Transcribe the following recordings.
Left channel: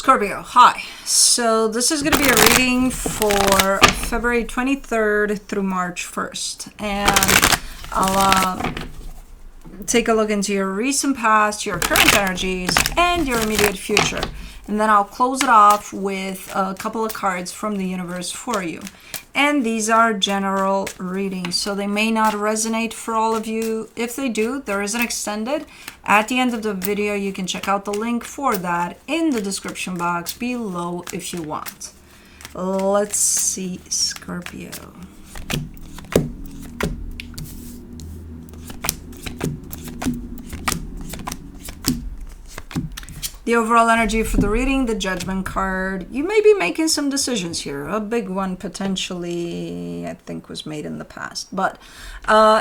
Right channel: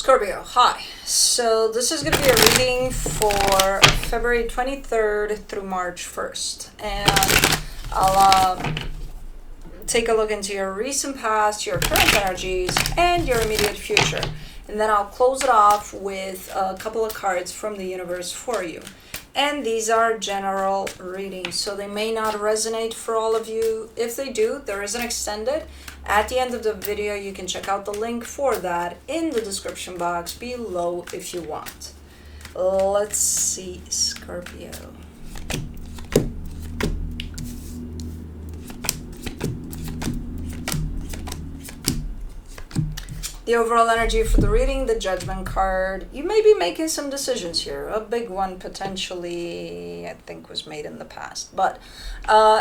Scorpio, hi. So this is going to be a reading for February 23rd through March 1st. And I'll take a look into your recent past, your current energies, and your immediate future. And then I'll close it off with a couple of cards from the universe for you. And these are general readings, so they may not resonate for all of you. If they do, there is an extended. At the end of the video, you can check out the link for that in the description box below if you want. Let's see, Scorpio. The overall energy for the reading, the Judgment card. You may be making some decisions here. A big one potentially, I think, was made in the past. But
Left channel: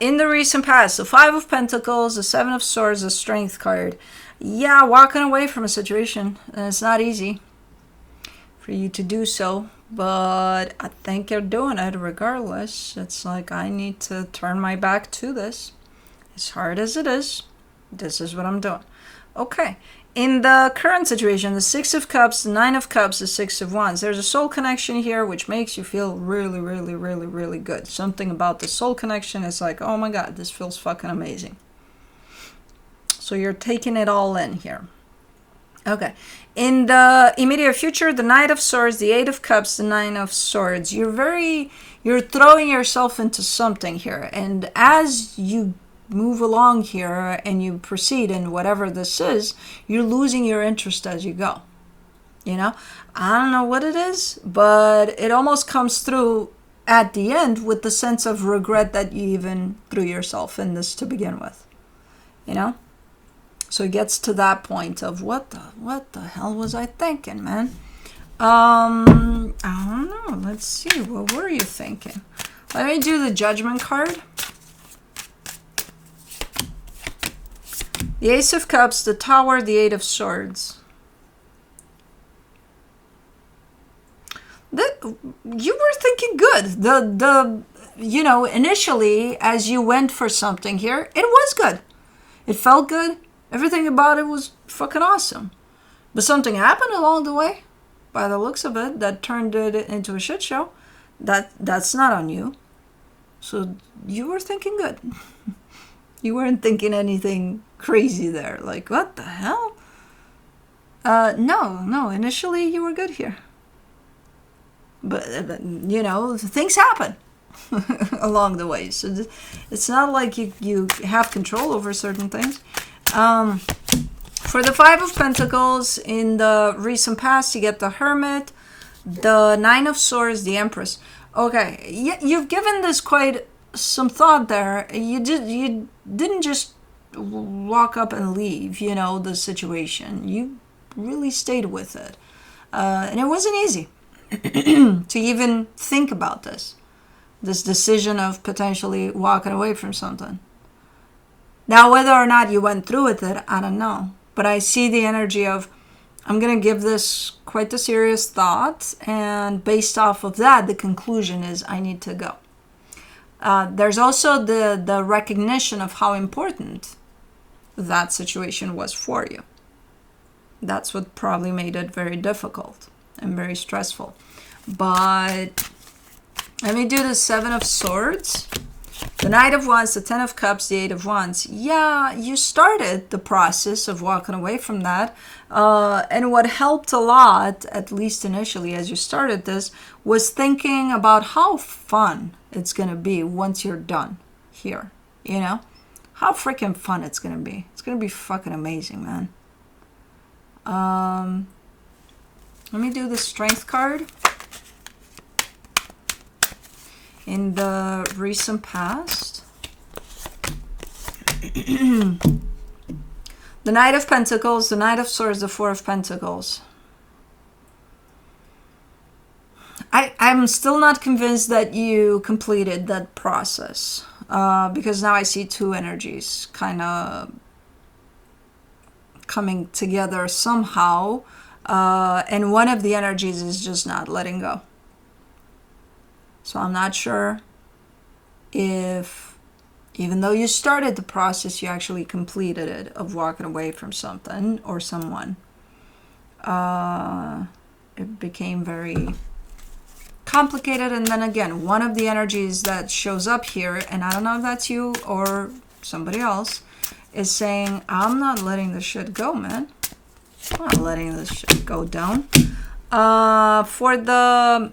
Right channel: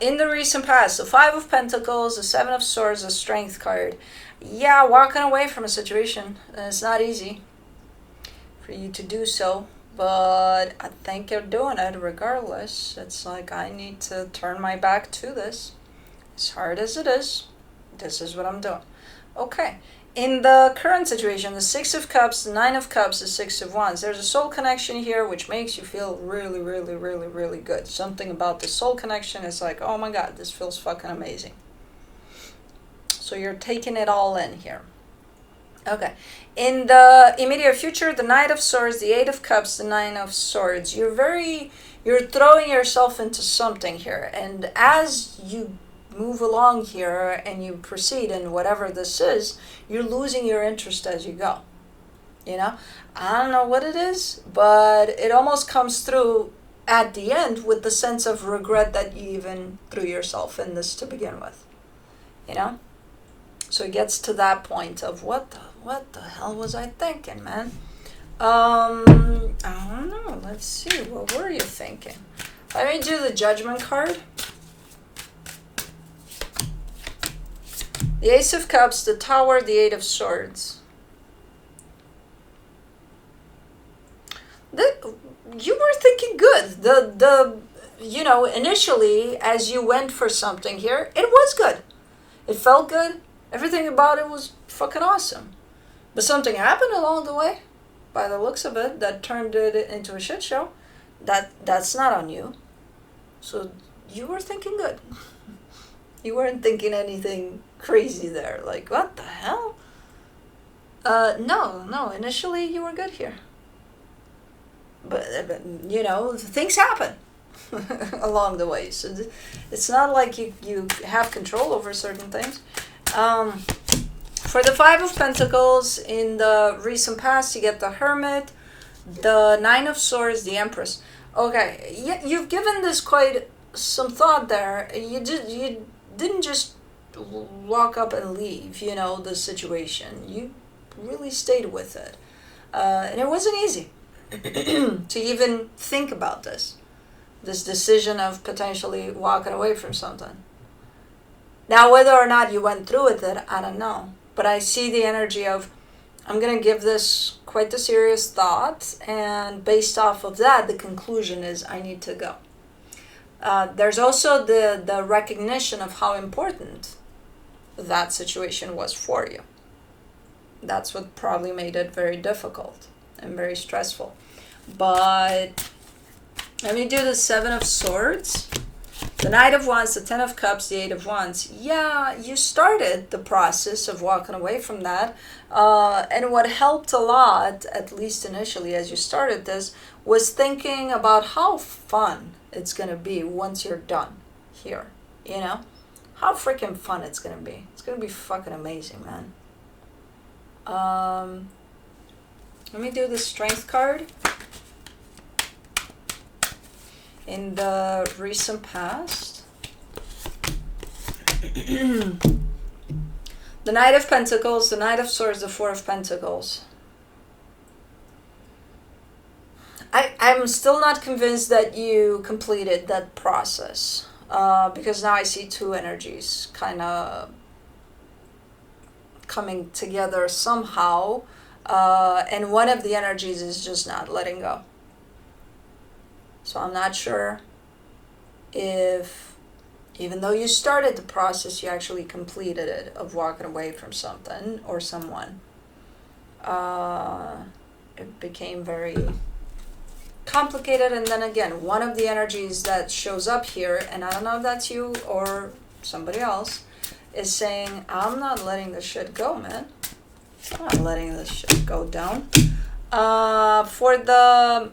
in the recent past, the Five of Pentacles, the Seven of Swords, the Strength card. Yeah, walking away from a situation. It's not easy for you to do so. But I think you're doing it regardless. It's like, I need to turn my back to this. As hard as it is, this is what I'm doing. Okay. In the current situation, the Six of Cups, the Nine of Cups, the Six of Wands, there's a soul connection here which makes you feel really, really, really, really good. Something about the soul connection is like, oh my God, this feels fucking amazing. So you're taking it all in here. Okay. In the immediate future, the Knight of Swords, the Eight of Cups, the Nine of Swords, you're throwing yourself into something here. And as you move along here and you proceed in whatever this is, you're losing your interest as you go. You know, I don't know what it is, but it almost comes through at the end with the sense of regret that you even threw yourself in this to begin with. You know, so it gets to that point of what the hell was I thinking, man? I don't know. Let's see, what were you thinking? Let me do the Judgment card. The Ace of Cups, the Tower, the Eight of Swords. You were thinking good. You know, initially, as you went for something here, it was good. It felt good. Everything about it was fucking awesome. But something happened along the way, by the looks of it, that turned it into a shit show. That's not on you. So you were thinking good. You weren't thinking anything crazy there. Like, what the hell? No. Initially, you were good here. But, you know, things happen along the way. So it's not like you have control over certain things. For the Five of Pentacles, in the recent past, you get the Hermit, the Nine of Swords, the Empress. Okay, you've given this quite some thought there. You didn't just walk up and leave, you know, the situation. You really stayed with it. And it wasn't easy to even think about this decision of potentially walking away from something. Now, whether or not you went through with it, I don't know. But I see the energy of, I'm going to give this quite a serious thought. And based off of that, the conclusion is I need to go. There's also the recognition of how important that situation was for you. That's what probably made it very difficult and very stressful. But let me do the Seven of Swords, the Knight of Wands, the Ten of Cups, the Eight of Wands. Yeah, you started the process of walking away from that. And what helped a lot, at least initially as you started this, was thinking about how fun it's going to be once you're done here. You know? How freaking fun it's going to be. It's going to be fucking amazing, man. Let me do the Strength card. In the recent past, the Knight of Pentacles, the Knight of Swords, the Four of Pentacles. I'm still not convinced that you completed that process, because now I see two energies kind of coming together somehow, and one of the energies is just not letting go. So I'm not sure if, even though you started the process, you actually completed it of walking away from something or someone. It became very complicated. And then again, one of the energies that shows up here, and I don't know if that's you or somebody else, is saying, I'm not letting this shit go, man. I'm not letting this shit go down. For the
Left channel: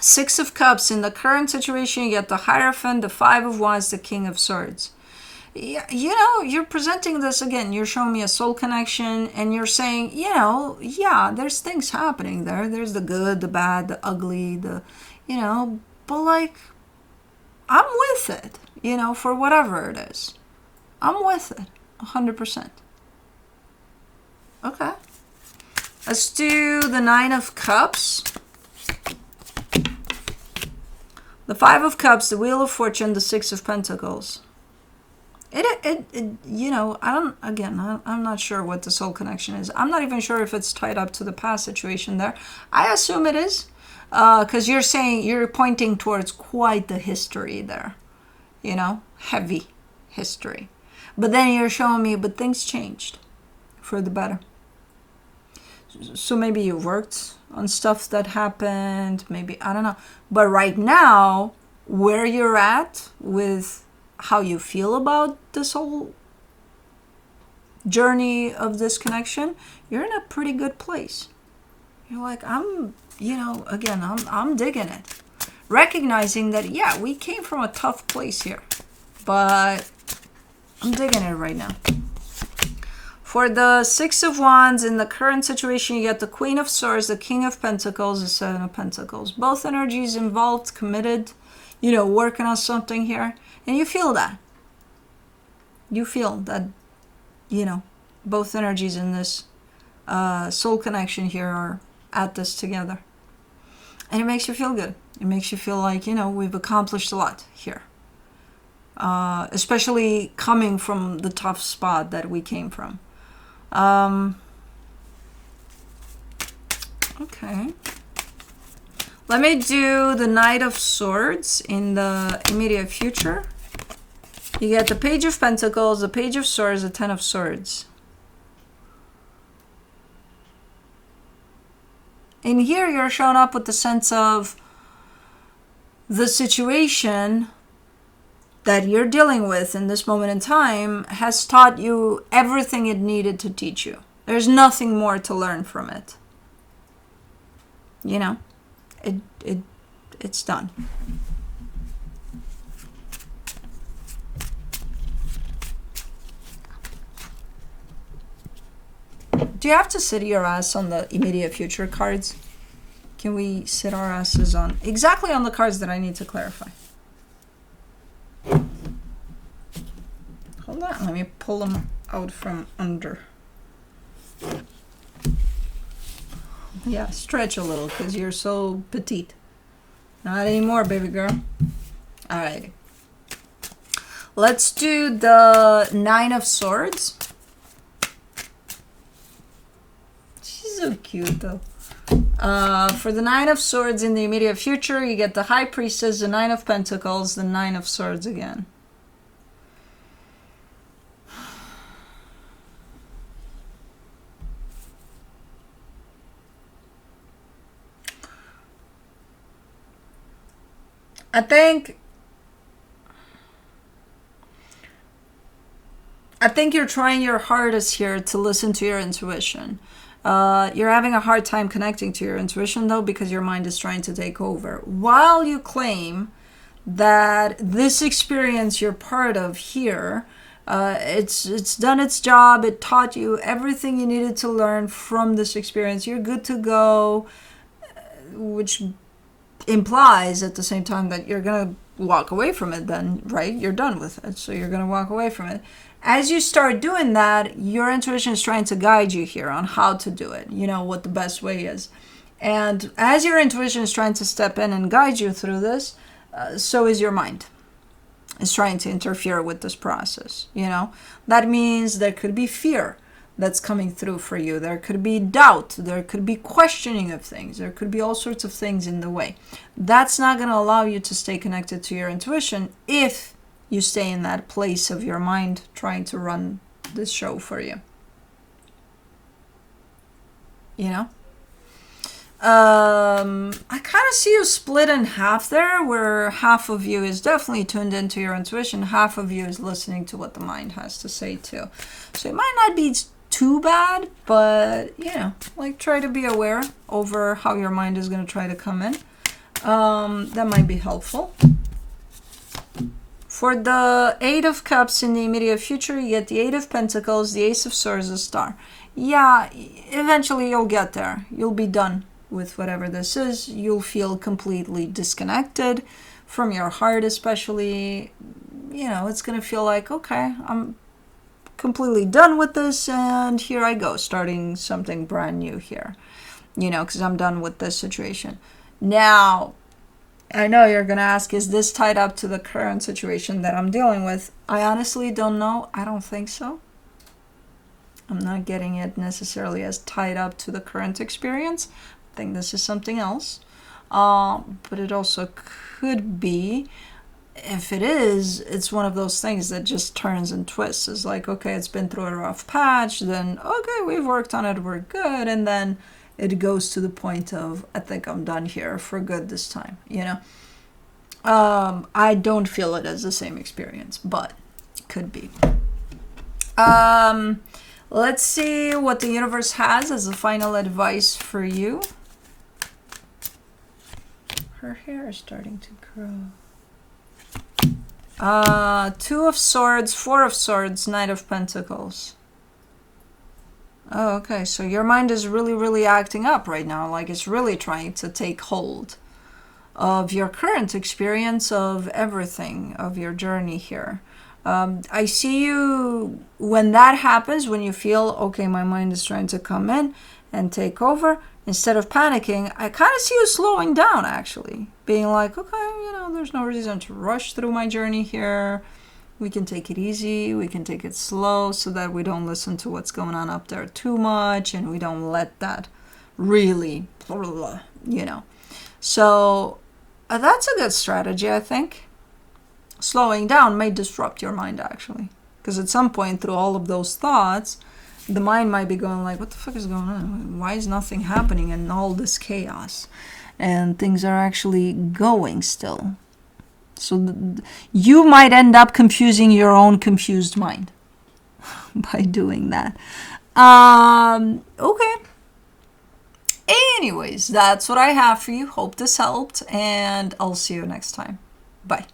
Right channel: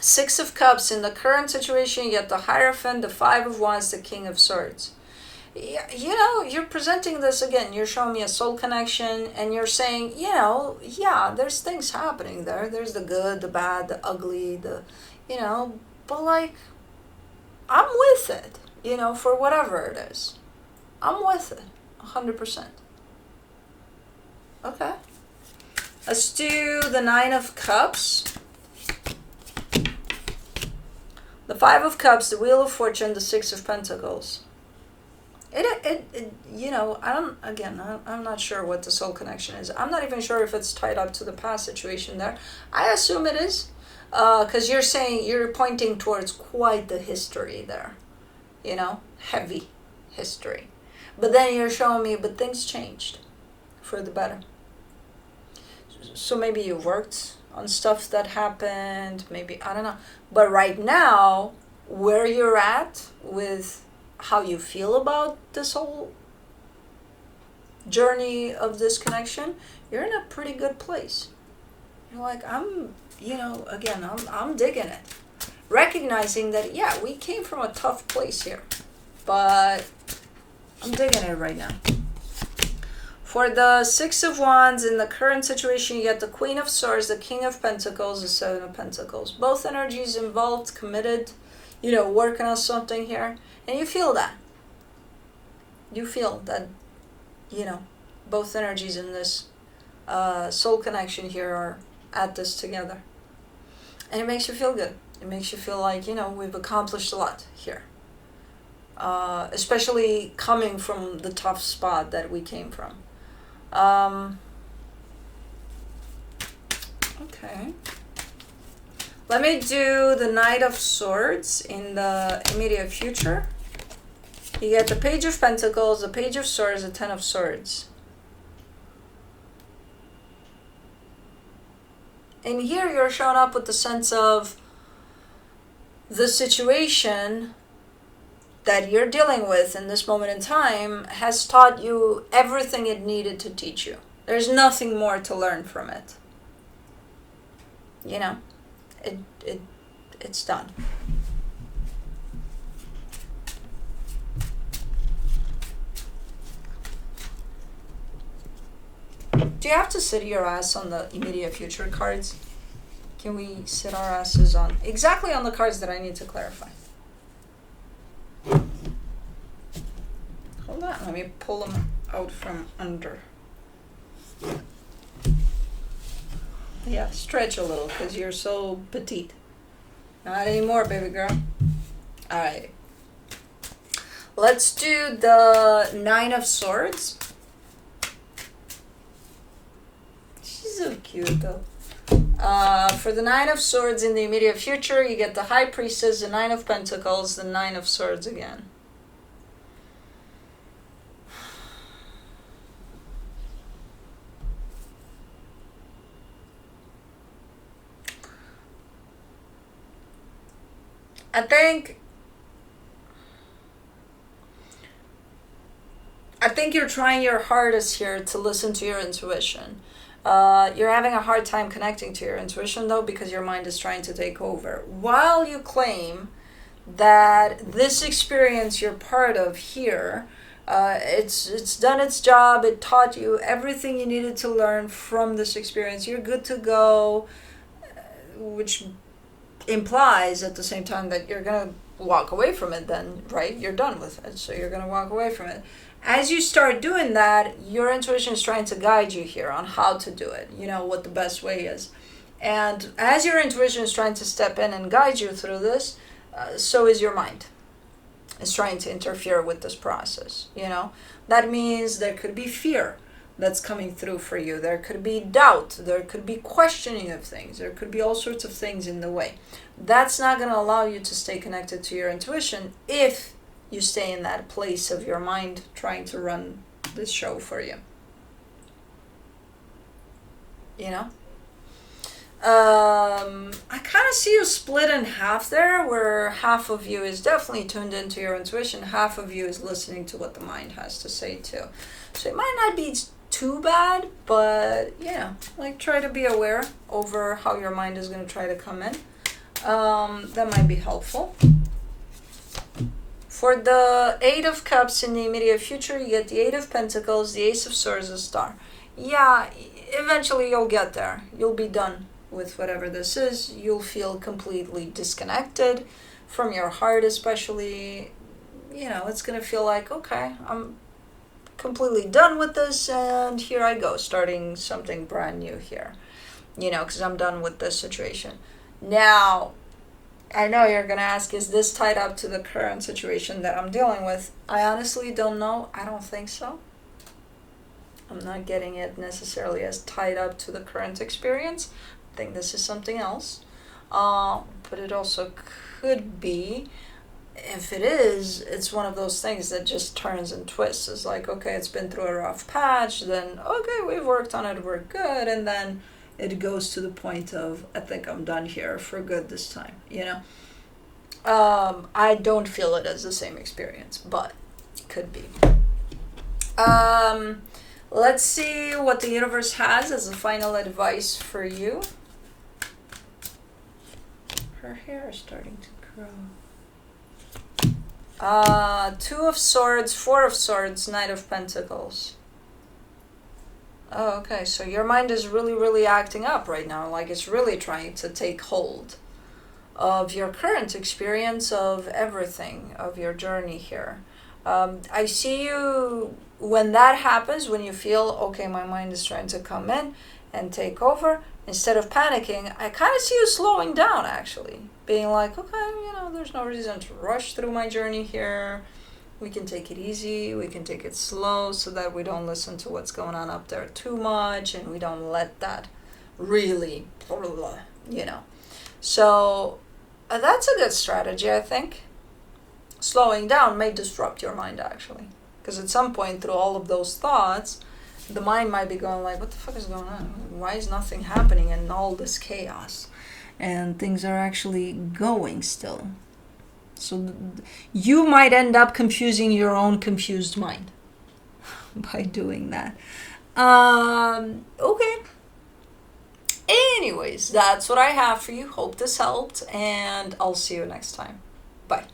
Six of Cups, in the current situation, you get the Hierophant, the Five of Wands, the King of Swords. You know, you're presenting this again. You're showing me a soul connection, and you're saying, you know, yeah, there's things happening there. There's the good, the bad, the ugly, the, you know, but like, I'm with it, you know, for whatever it is. I'm with it, 100%. Okay. Let's do the Nine of Cups, the Five of Cups, the Wheel of Fortune, the Six of Pentacles. It you know, I'm not sure what the soul connection is. I'm not even sure if it's tied up to the past situation there. I assume it is, because you're saying, you're pointing towards quite the history there, you know, heavy history. But then you're showing me, but things changed for the better. So maybe you worked on stuff that happened, maybe, I don't know. But right now, where you're at with how you feel about this whole journey of this connection, you're in a pretty good place. You're like, I'm digging it. Recognizing that, yeah, we came from a tough place here, but I'm digging it right now. For the Six of Wands, in the current situation, you get the Queen of Swords, the King of Pentacles, the Seven of Pentacles. Both energies involved, committed, you know, working on something here. And you feel that. You feel that, you know, both energies in this soul connection here are at this together. And it makes you feel good. It makes you feel like, you know, we've accomplished a lot here. Especially coming from the tough spot that we came from. Okay. Let me do the Knight of Swords in the immediate future. You get the Page of Pentacles, the Page of Swords, the Ten of Swords. In here, you're showing up with the sense of the situation that you're dealing with in this moment in time has taught you everything it needed to teach you. There's nothing more to learn from it. You know, it's done. Do you have to sit your ass on the immediate future cards? Can we sit our asses on exactly on the cards that I need to clarify? Hold on, let me pull them out from under. Yeah, stretch a little because you're so petite. Not anymore, baby girl. All right. Let's do the Nine of Swords. She's so cute though. For the Nine of Swords in the immediate future, you get the High Priestess, the Nine of Pentacles, the Nine of Swords again. I think you're trying your hardest here to listen to your intuition. You're having a hard time connecting to your intuition though because your mind is trying to take over. While you claim that this experience you're part of here, it's done its job, it taught you everything you needed to learn from this experience, you're good to go, which implies at the same time that you're going to walk away from it then, right? You're done with it, so you're going to walk away from it. As you start doing that, your intuition is trying to guide you here on how to do it, you know, what the best way is. And as your intuition is trying to step in and guide you through this, so is your mind. It's trying to interfere with this process, you know. That means there could be fear that's coming through for you. There could be doubt. There could be questioning of things. There could be all sorts of things in the way. That's not going to allow you to stay connected to your intuition if you stay in that place of your mind trying to run this show for you. you know. I kind of see you split in half there, where half of you is definitely tuned into your intuition, half of you is listening to what the mind has to say too. So it might not be too bad, but you know, like, try to be aware over how your mind is going to try to come in. That might be helpful. For the Eight of Cups in the immediate future, you get the Eight of Pentacles, the Ace of Swords, the Star. Yeah, eventually you'll get there. You'll be done with whatever this is. You'll feel completely disconnected from your heart, especially. You know, it's going to feel like, okay, I'm completely done with this, and here I go, starting something brand new here. You know, because I'm done with this situation. Now, I know you're going to ask, is this tied up to the current situation that I'm dealing with? I honestly don't know. I don't think so. I'm not getting it necessarily as tied up to the current experience. I think this is something else. But it also could be, if it is, it's one of those things that just turns and twists. It's like, okay, it's been through a rough patch, then, okay, we've worked on it, we're good, and then it goes to the point of, I think I'm done here for good this time, you know? I don't feel it as the same experience, but it could be. Let's see what the universe has as a final advice for you. Her hair is starting to grow. Two of Swords, Four of Swords, Knight of Pentacles. Oh, okay. So your mind is really, really acting up right now. Like, it's really trying to take hold of your current experience, of everything, of your journey here. I see you, when that happens, when you feel, okay, my mind is trying to come in and take over, instead of panicking, I kind of see you slowing down, actually. Being like, okay, you know, there's no reason to rush through my journey here. We can take it easy, we can take it slow, so that we don't listen to what's going on up there too much, and we don't let that really, you know. So that's a good strategy, I think. Slowing down may disrupt your mind, actually. Because at some point, through all of those thoughts, the mind might be going like, what the fuck is going on? Why is nothing happening in all this chaos? And things are actually going still. So you might end up confusing your own confused mind by doing that. Okay. Anyways, that's what I have for you. Hope this helped, and I'll see you next time. Bye.